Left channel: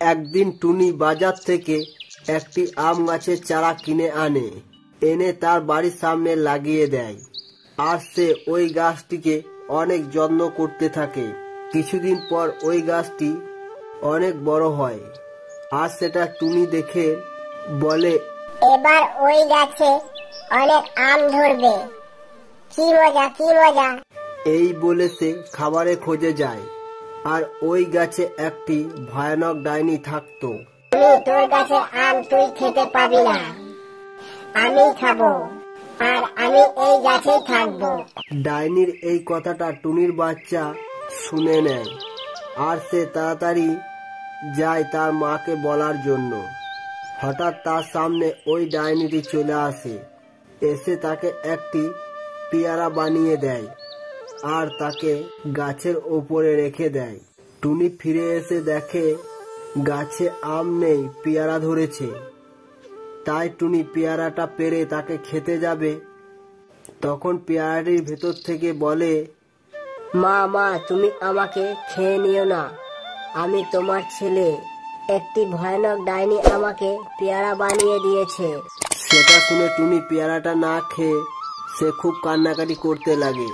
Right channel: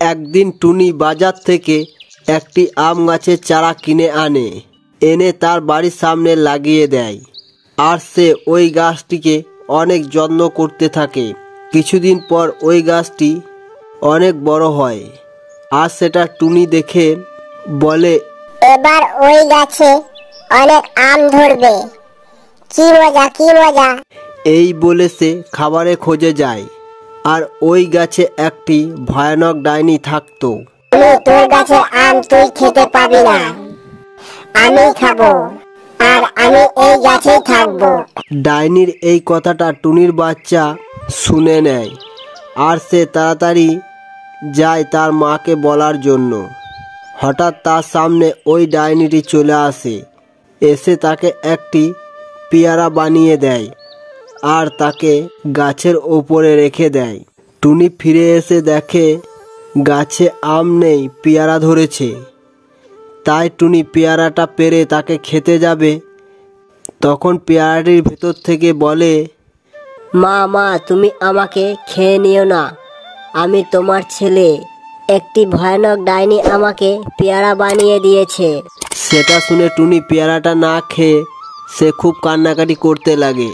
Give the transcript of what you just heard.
একদিন টুনি বাজার থেকে একটি আম গাছের চারা কিনে আনে, এনে তার বাড়ির সামনে লাগিয়ে দেয়। আর সে ওই গাছটিকে অনেক যত্ন করতে থাকে। কিছুদিন পর ওই গাছটি অনেক বড় হয়, আর সেটা টুনি দেখে বলে, এবার ওই গাছে অনেক আম ধরবে, কি মজা কি মজা। এই বলে সে খাবারের খোঁজে যায়। আর ওই গাছে একটি ভয়ানক ডাইনি থাকতো। তোর গাছের আম তুই খেতে পাবি না, আমি খাবো, আর আমি এই গাছেই থাকবো। ডাইনির এই কথাটা টুনির বাচ্চা শুনে নেয়, আর সে তাড়াতাড়ি যায় তার মাকে বলার জন্য। হঠাৎ তার সামনে ওই ডাইনিটি চলে আসে, এসে তাকে একটি পেয়ারা বানিয়ে দেয় আর তাকে গাছের ওপরে রেখে দেয়। টুনি ফিরে এসে দেখে গাছে আম নেই, পেয়ারা ধরেছে। তাই টুনি পেয়ারাটা পেড়ে তাকে খেতে যাবে, তখন পেয়ারাটির ভেতর থেকে বলে, মা তুমি আমাকে খেয়ে নিও না, আমি তোমার ছেলে। একটি ভয়ানক ডাইনি আমাকে পেয়ারা বানিয়ে দিয়েছে। সেটা শুনে টুনি পেয়ারাটা না খেয়ে সে খুব কান্নাকাটি করতে লাগে।